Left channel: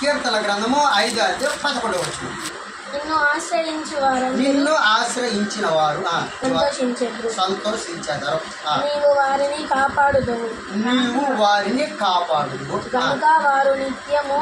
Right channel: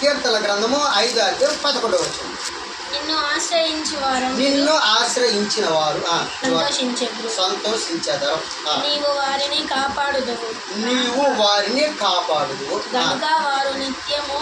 కీర్తన గ్రంథము ఐదు అధ్యాయం పదకొండవ వచ్చిన నిన్ను ఆశ్రయించు వారందరూ నిన్ను ఆశ్రయించిన వారు సంతోషించెదరు. నీవు వారిని కాపాడుదవు. నీవు వారిని కాపాడు గనుక వారు నిత్యము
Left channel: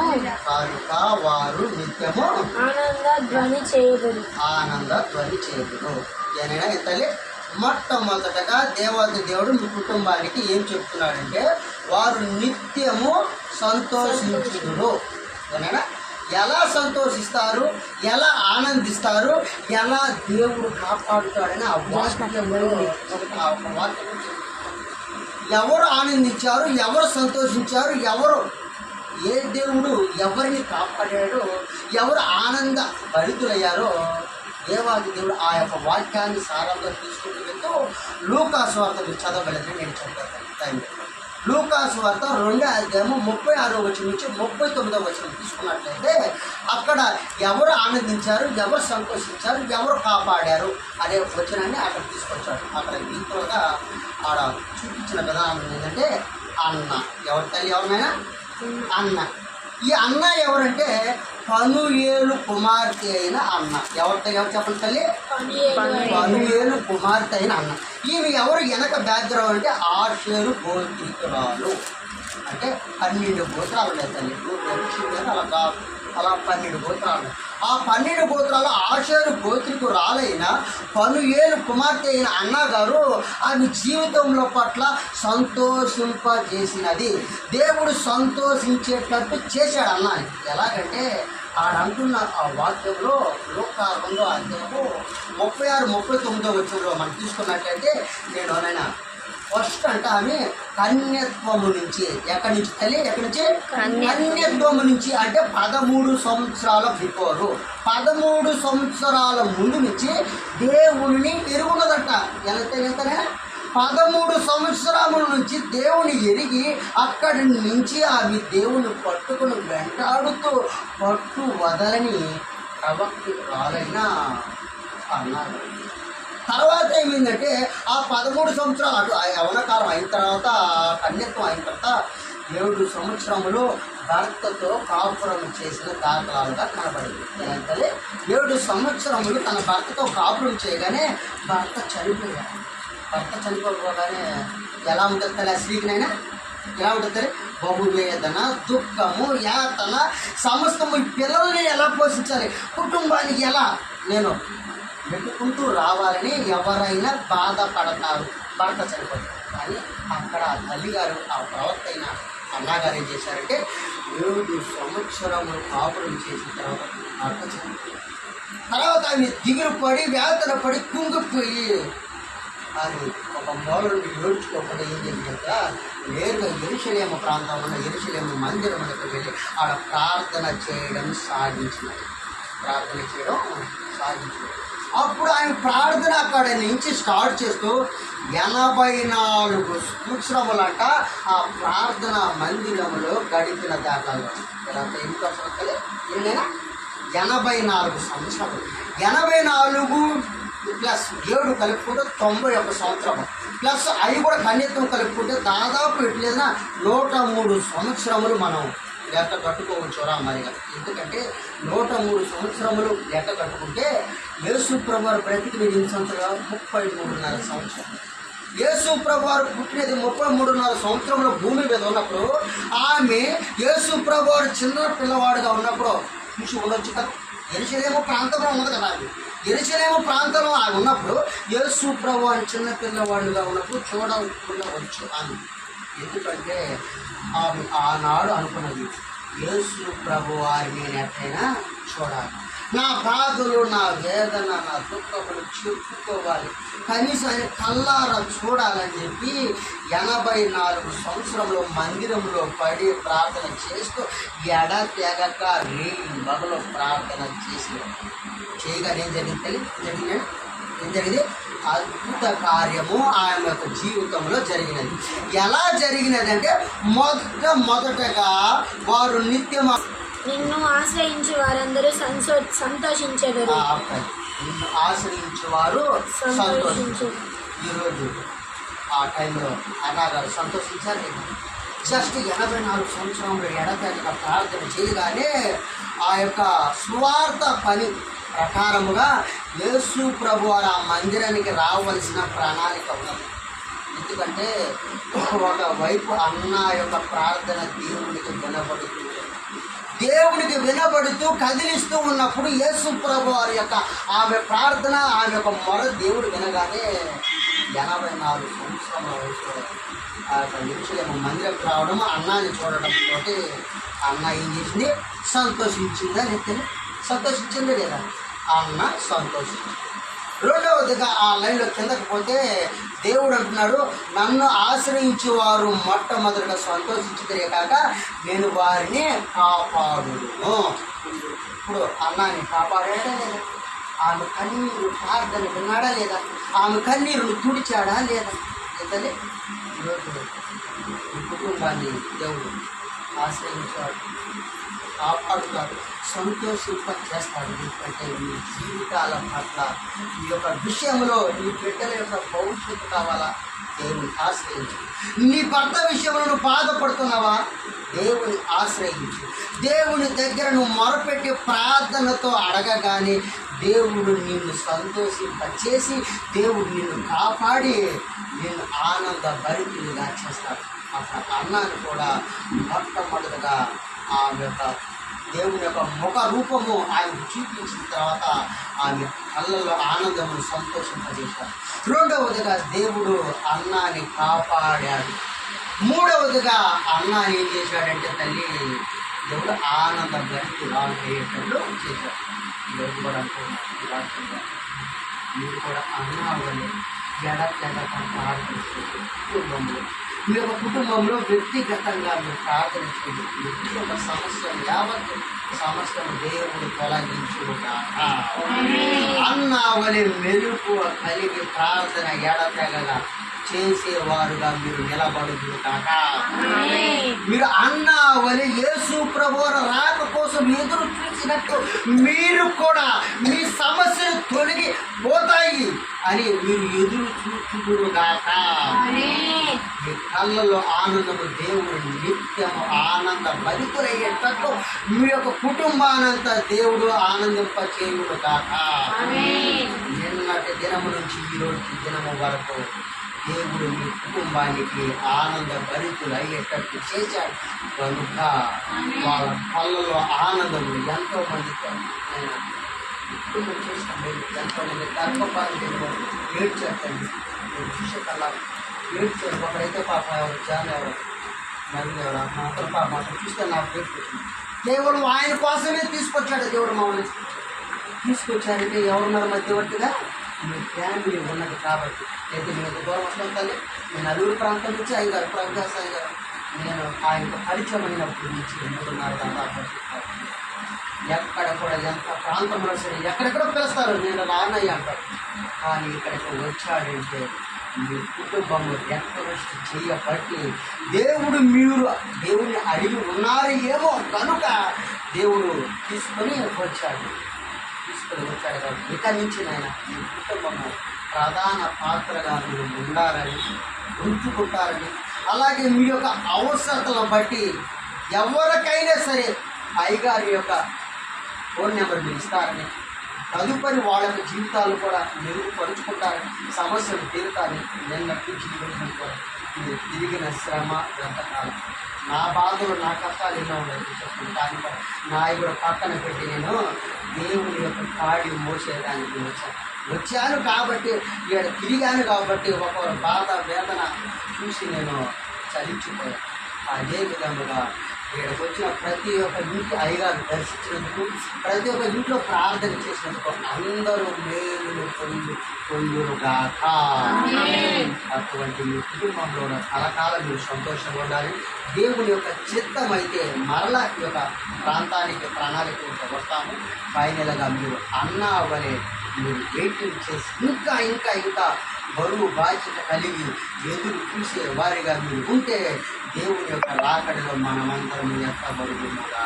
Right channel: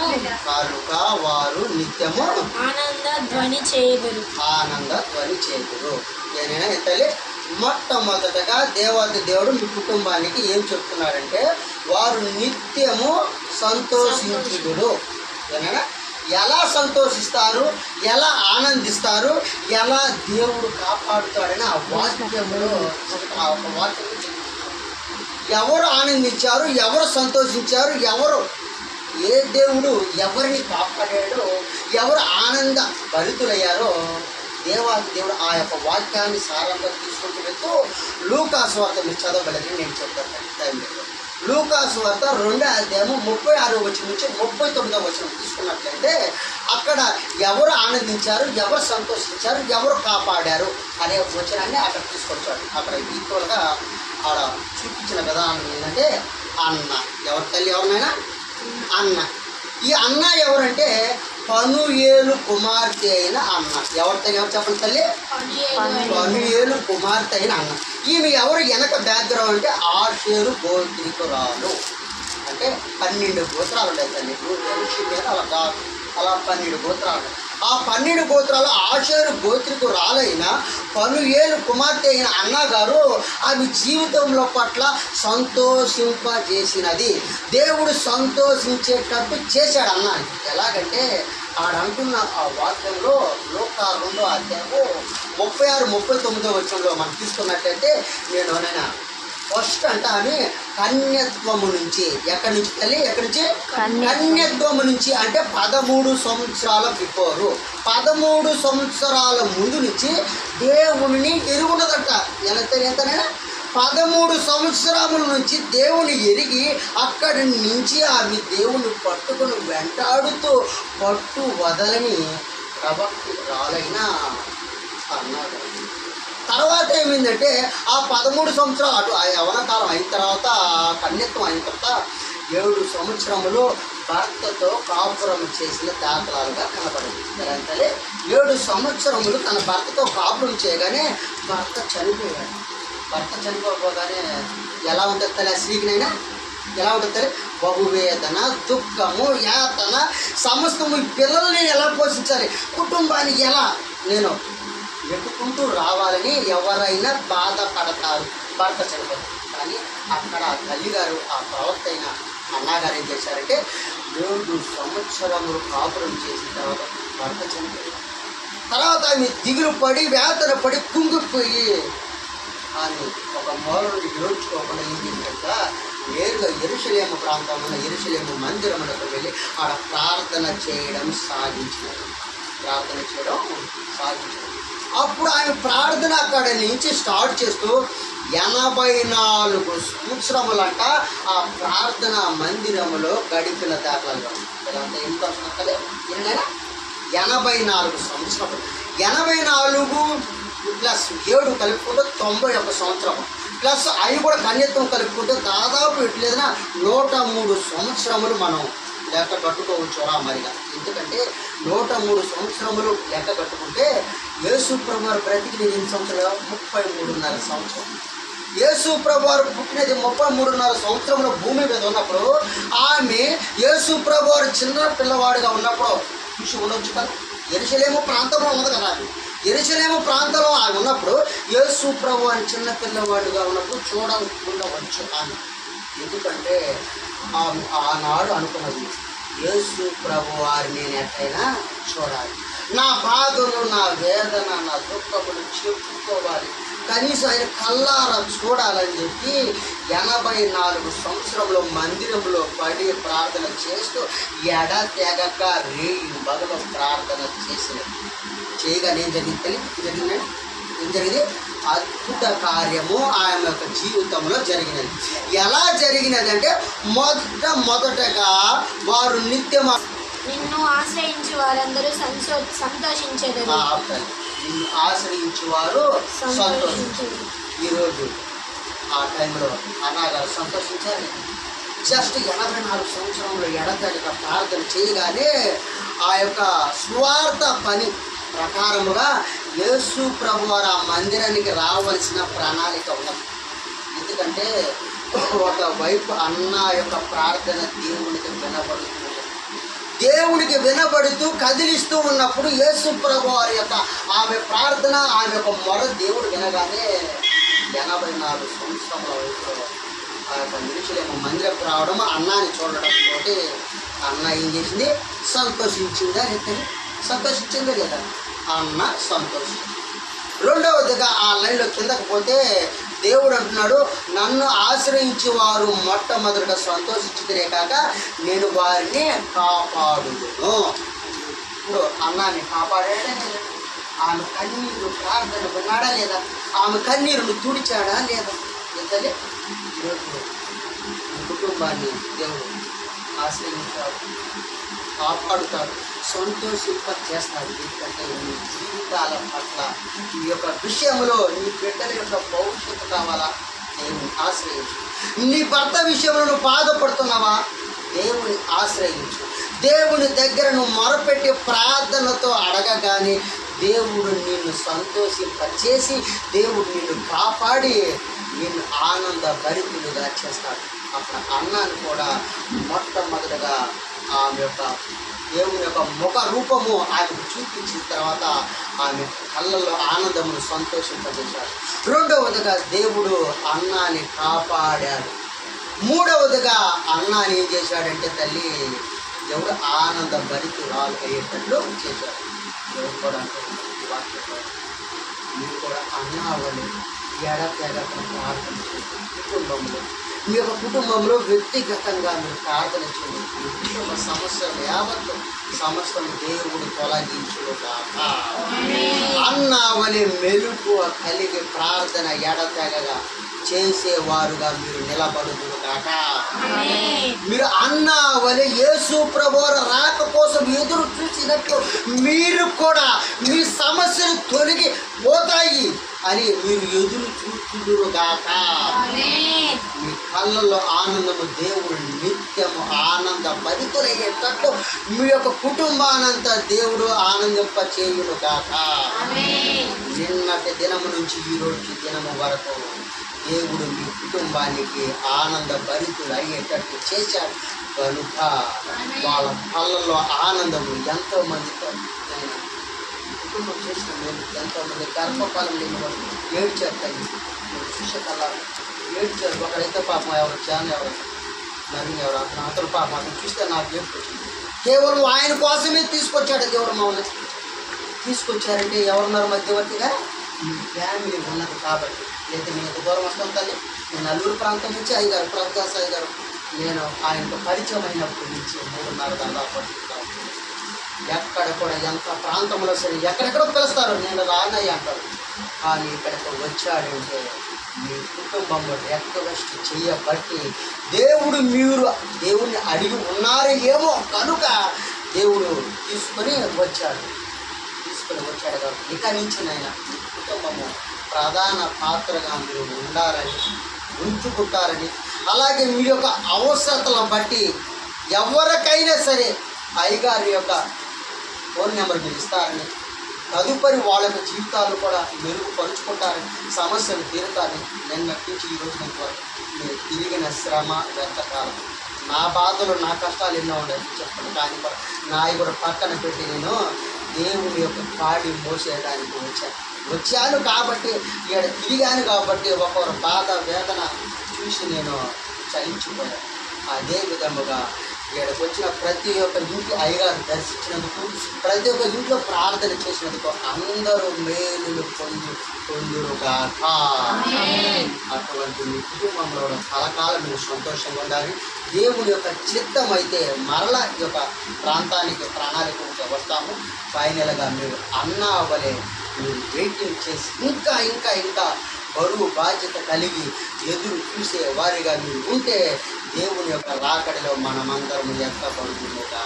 కనుక వారు నిత్యము ఆనంద ధ్వని చేయదురు. ఆనంద ధ్వని చేతుడు ఏనైనా తల్లి మొట్టమొదటగా దేవాది దేవుడు మీ కుటుంబానికి ఏం చెప్తున్నాడంటే వారు నిత్యము సంతోషించుదురు. ఏనైనా ఎలా సంతోషిస్తారు? ఎలా ఆనందిస్తారు? ఎలా దేవుడు కాపాడుతాడని ఆ వాక్యంలో ఒక ఆ ఒక వాక్యం ఎవరు ఆనందించారు? ఎవరు సంతోషించారు? ఎవరు ఏ దేవుడు ఎవరిని కాపాడాడో ఎవరు ఆనంద భరితులయ్యారో దేవాది దేవుడు ఆ యొక్క వాక్యాన్ని సారంగా తీసుకుంటూ వెళ్తూ లూకాసు మీరు నేను చెప్తాను. టైం లూకాసు వార్త రెండో అధ్యాయము ముప్పై ఆరో వచ్చిన నుంచి ముప్పై తొమ్మిదో వచ్చిన తీసుకున్నట్లయితే అక్కడ ఎవరు ఆనందించారు ఎవరు సంతోషించారు ఎవరు కాపాడారు అనే వచనాన్ని అక్కడ తీసుకొచ్చాడు. అక్కడ ఈక్వల్గా ఆడ చూపించిన విధానం ఏంటంటే అన్న. ఎవరి తల్లి ఎవరినైనా అన్న. ఈ అన్న ఎవరంటే పనుయేలు కుమార్తె అయిన అన్న. ఎవరి తల్లి? ఎవరు చెప్పండి తల్లి? పనుయేలు కుమార్తె అయిన అన్న. ఈమె ఎవరు వెనక బ్యాక్గ్రౌండ్ అంటే ఆషేరు గోత్రికురాలు. అంటే పన్నెండు గోత్రాలు ఉన్నాయి తల్లి. మనిషి మీద అలా కాదు అలా పన్నెండు గోత్రాలు. ఆ పన్నెండు గోత్రాలు ఆషేరు గోత్రికు రాలైన పలు ఏళ్ళు కుమార్తె అయిన అన్నగారు ఆమె జీవితంలో పట్ల సంతోషింపజేసినది. దేవుడు సంతోషించేటట్టు చేశాడు అన్న ఎలాగంటే ఆడ అంటున్న ఆ వాక్యంలో లోక రెండో అధ్యాయము ముప్పై ఆరు ముప్పై తొమ్మిదో వచ్చంలో మనం తీసుకున్నట్లయితే నేను నాయన ఫస్ట్ అంటే ఆమె కన్యత్వము నుంచి ఎక్కడి నుంచి తల్లి? ఎక్కడి నుంచి? కన్యత్వము. నుంచి అంటే పదమూడు సంవత్సరాల బిఫోరు. పదమూడు సంవత్సరాల ముందు నుంచి దేవుని ఎరుగున్నదట. ఎంత ఎంతనైనా పదమూడు సంవత్సరముల నుంచి దేవుని ఎరిగి అక్కడి నుంచి ఆమె దేవుని పట్టుకుని వెంటాడుతూ పట్టు వదలని ప్రవక్తురాలైన అన్నారు తర్వాత ఏమైందంటే ఆ పదమూడు సంవత్సరాలు అటు ఆ యవన కాలం అయిన తర్వాత కన్యత్వం అయిన తర్వాత ఏడు సంవత్సరములు భర్తతో కాపురం చేసిన దాఖలాలుగా కనబడింది. అంటే ఏడు సంవత్సరములు తన భర్తతో కాపురం చేయగానే భర్త చనిపోయాడు. భర్త చనిపోగానే ఎలా ఉంటుంది తల్లి? ఆ స్త్రీకినైనా ఎలా ఉంటుంది తల్లి? బహువేదన దుఃఖము యాతన సమస్తము ఈ పిల్లల్ని ఎలా పోషించాలి? కుటుంబాన్ని ఎలా? నేను వెతుకుంటూ రావాలని ఎవరైనా బాధపడతారు. భర్త చనిపోతారు కానీ అక్కడ ఆ తల్లిగారు ఆ ప్రవర్త అయిన అన్నగారు ఏం చేశారంటే మూడు సంవత్సరములు కాపురం చేసిన తర్వాత భర్త చనిపోయారు తర్వాత ఆమె దిగులు పడి వేతన పడి కుంగిపోయి అని ఒక మూల ఏడ్చుకోకుండా ఏం చేసిందంట నేరుగా ఎరుసలేమ ఉన్న ఎరుసలేమ మందిరములకు వెళ్ళి ఆడ ప్రార్థన చేయడం సాగించినది ప్రార్థన చేయడం సాగించినది అప్పుడు ఆయన ప్రార్థన అక్కడ నుంచి స్టార్ట్ చేస్తూ ఎనభై నాలుగు సంవత్సరములంట ఆ ప్రార్థన మందిరములో గడిపిన దాఖలు ఎంత ఎన్ని సంవత్సరాలు ఎనభై నాలుగు సంవత్సరములు. ఎనభై నాలుగు ప్లస్ ఏడు కలుపుకుంటే తొంభై ఒక సంవత్సరం ప్లస్ అవి కూడా కన్యత్వం కలుపుకుంటే దాదాపు ఎట్లేదన్నా నూట మూడు సంవత్సరములు మనం లెక్క కట్టుకోవచ్చురా మరిగా. ఎందుకంటే నూట మూడు సంవత్సరములు లెక్క కట్టుకుంటే యేసు ప్రభువారు బ్రతికినది ఎన్ని సంవత్సరాలు? ముప్పై మూడున్నర సంవత్సరం. యేసు ప్రభువారు పుట్టినది ముప్పై మూడున్నర సంవత్సరంలో భూమి మీద ఉన్నప్పుడు ఆమె యేసు ప్రభువారు చిన్న పిల్లవాడుగా ఉన్నప్పుడు చూసి ఉండొచ్చు కదా? ఎరుసలేమో ప్రాంతంలో ఉన్నది కదా ఆమె ఎరుచలేము ప్రాంతంలో ఆమె ఉన్నప్పుడు యేసు ప్రభు అని చిన్న పిల్లవాడుగా ఉన్నప్పుడు చూడకుండవచ్చు ఆమె ఎందుకంటే ఆమె ఆనాడు అనుకున్నది యేసు ప్రభు వారిని ఎట్లయినా చూడాలి. నా బాధలు నా వేదన నా దుఃఖములు చెప్పుకోవాలి. కనీసం ఆయన కల్లారా చూడాలని చెప్పి ఎనభై నాలుగు సంవత్సరంలో మందిరంలో పడి ప్రార్థన చేస్తూ ఎడ తెగక రేయి బదులు ప్రార్థన చేసిన చేయగానే ఏం జరిగింది? జరిగిందండి ఏం జరిగింది? అద్భుత కార్యము ఆయన యొక్క జీవితంలో జరిగినది. ఎలా జరిగినది అంటే మొదట మొదటగా వారు నిత్యం నిన్ను ఆశ్రయించు వారందరూ సంతో సంతోషించెదరు. ఆపండి. నిన్ను ఆశ్రయించి వారు సంతోషించారు సంతోషించు. ఈరోజు ఆ టైంలో అన్నగారు సంతోషించారు జస్ట్ ఎనభై నాలుగు సంవత్సరంలో ఎడతెగక ప్రార్థన చేయగానే ఆ యొక్క స్వార్థ పని ప్రకారముగా యేసు ప్రభు వారు ఆ మందిరానికి రావలసిన ప్రణాళిక ఉన్నది. ఎందుకంటే ఒకవైపు అన్న యొక్క ప్రార్థన దేవునికి వినబడుతూ దేవునికి వినబడుతూ కదిలిస్తూ ఉన్నప్పుడు యేసు ప్రభు వారి యొక్క ఆమె ప్రార్థన ఆమె యొక్క మొర దేవుడు వినగానే ఎనభై నాలుగు సంవత్సరాల వయసులో ఆ యొక్క నిరుచులేమో మందిరం రావడం అన్నాన్ని చూడడం తోటి అన్న ఏం చేసింది? సంతోషించిందని లేకపోతే సంతోషించింది లేదా అన్న సంతోషించింది రెండవదిగా ఆ లైన్లో కిందకు పోతే దేవుడు అంటున్నాడు నన్ను ఆశ్రయించి వారు మొట్టమొదట సంతోషించుకునే కాక నేను వారిని కాపాడును ఇప్పుడు అన్నాన్ని కాపాడాడా లేదా? ఆమె కన్నీరు ప్రార్థన విన్నాడా లేదా? ఆమె కన్నీరును తుడిచాడా లేదా? ఇతలే ఈరోజు కుటుంబాన్ని దేవుడు ఆశ్రయించాడు. కాపాడుతాడు సంతోషింప చేస్తాడు ఎందుకంటే నీ జీవితాల పట్ల ఈ యొక్క విషయంలో నీ బిడ్డల యొక్క భవిష్యత్తు కావాలా? దేవుని ఆశ్రయించు. నీ భర్త విషయంలో నువ్వు బాధపడుతున్నావా? దేవుని ఆశ్రయించు. దేవుని దగ్గర నువ్వు మొరపెట్టి ప్రార్థనతో అడగగానే దేవుడు నిన్ను సంతోషింపచేసి దేవుడు నిన్ను కాపాడి నిన్ను ఆనంద భరితులుగా చేస్తాడు. అక్కడ అన్నాను కూడా మొట్టమొదటిగా ఆమె యొక్క దేవుని యొక్క ముఖ రూపము ఆయన చూపించిన తర్వాత ఆమె కళ్ళల్లో ఆనందమును సంతోషింపజేశాడు. రెండవదిగా దేవుడు అన్నాని కాపాడాడు. మూడవదిగా అన్నాని ఏం చేశాడంటే తల్లి దేవుడు ఆనంద భరితి రాళ్ళు అయ్యేటట్లు చేశాడు. దేవుడు కూడా అంటూ ఈ వాక్యంలో మీరు కూడా అన్నావని ఎడతెగక ప్రార్థన కుటుంబంలో మీ యొక్క కుటుంబంలో వ్యక్తిగతంగా మీరు ప్రార్థన చేయండి. ఒక కుటుంబ సమస్యలు యావత్తు సమస్యను దేవుడు తొలగించుగాక కాక వలె మెలుపు కలిగి ప్రార్థన ఎడతెగల చేసేవారుగా మీరు నిలబడుదురు కాక మీరు అన్న వలె యేసు ప్రభువుల రాక కోసం ఎదురు చూసినట్టు మీరు కూడా మీ సమస్యలు అని మీరు ఎదురు చూచుదురుగాక. మీ కళ్ళలో ఆనందము దేవుడు నిత్యము ఆనంద భరితులయ్యేటట్టు మీ యొక్క కుటుంబానంతా దేవుడు ఆనందింప చేయును కాక నిన్నటి దినము నుంచి ఈ రోజు దినము వరకు దేవుడు మీ కుటుంబానికి ఆనంద భరితులు అయ్యేటట్టు చేశాడు. కనుక వాళ్ళ కళ్ళలో ఆనందము ఎంతో ఈ కుటుంబం చేసిన మేలు ఎంతో మంది గర్భఫలం లేని వాళ్ళు ఏడ్చారు తల్లి నేను చూసే కల్లా ఏడ్చారు ఒకరైతే పాపం ఎవరు జాన్ ఎవరు మరి ఎవరు అతను పాపం అతను చూస్తే నాకు ఏడ్చుకొచ్చింది కేవలం ఆయన కోసమే తీసుకొచ్చాడు దేవుడు మమ్మల్ని. తీసుకొచ్చారంటే ఎవరున్నారు మధ్యవర్తిగా? మీ ఫ్యామిలీ ఉన్నది కాబట్టి. లేదా మీకు దూరం వస్తాం తల్లి. నేను నలుగురు ప్రాంతం నుంచి అయ్యగారు ప్రభుదాస్ అయ్యారు నేను ఆయనకు పరిచయం అయినప్పటి నుంచి మూడున్నర దాదాపు ఎక్కడ కూడా ఎంత ప్రాంతంలో సరే ఎక్కడెక్కడ పిలుస్తారు నేను రానయ్య అంటారు కానీ ఇక్కడికి వచ్చాడంటే మీ కుటుంబంలో రెక్వెస్ట్ చేయబట్టి దేవుడు మీరు దేవుడిని అడిగి ఉన్నారు ఏమో కనుక దేవుడు తీసుకొని వచ్చాడు. తీసుకొని వచ్చాడు కాబట్టి ఇక నుంచి నాయన మీ కుటుంబము ప్రధాన పాత్రగా మీరు ఉండాలని ఉంచుకుంటారని అలాగే మీ యొక్క అవసరతలను బట్టి ఎవరికైనా సరే అయ్యగారి యొక్క ఫోన్ నెంబర్ పిలుస్తారని తదుపరి వాళ్ళ యొక్క జీవితాలు కూడా మెరుగుపరుచుకుంటారని సమస్యలు తీరుతారని నేను నటించి ఈరోజు మీరు తిరిగిన శ్రమ వ్యర్థకాలం. నా బాధలు నా కష్టాలు ఎన్నో ఉండేవి చెప్పండి. కానీ కూడా నా కూడా పక్కన పెట్టి నేను దేవుని యొక్క కాడి మోసేయడానికి వచ్చాను వచ్చాను కాబట్టి ఇక్కడ తిరిగాను కాబట్టి ఒకరు బాధ వేదన చూసి నేను చలించిపోయాను అదే విధముగా ఇక్కడికి వచ్చిన ప్రతి ఒక్క ఇంటి అయ్యగారు దర్శించినందుకు ప్రతి ఒక్క ఇంట్లో ప్రార్థన చేసినందుకు అందరూ మేలులు పొందు పొందురుగాక. అటువంటి మీ కుటుంబంలో కూడా కలకాలం మీరు సంతోషంగా ఉండాలి. దేవుని యొక్క చిత్తం అయితే మరల యొక్క ప్రాంతానికి ప్రణాళిక వస్తాము. ఫైనల్గా మీరు అన్న అవ్వలే మీరు వెయిటింగ్ చేసి ఇంకా ఇంకా ఇంకా బరువు బాధ్యత కలిగి ఎదురు చూసే వారిగా మీరు ఉంటే దేవుని యొక్క రాకడిలో మనమందరం ఎక్కబడుతుందా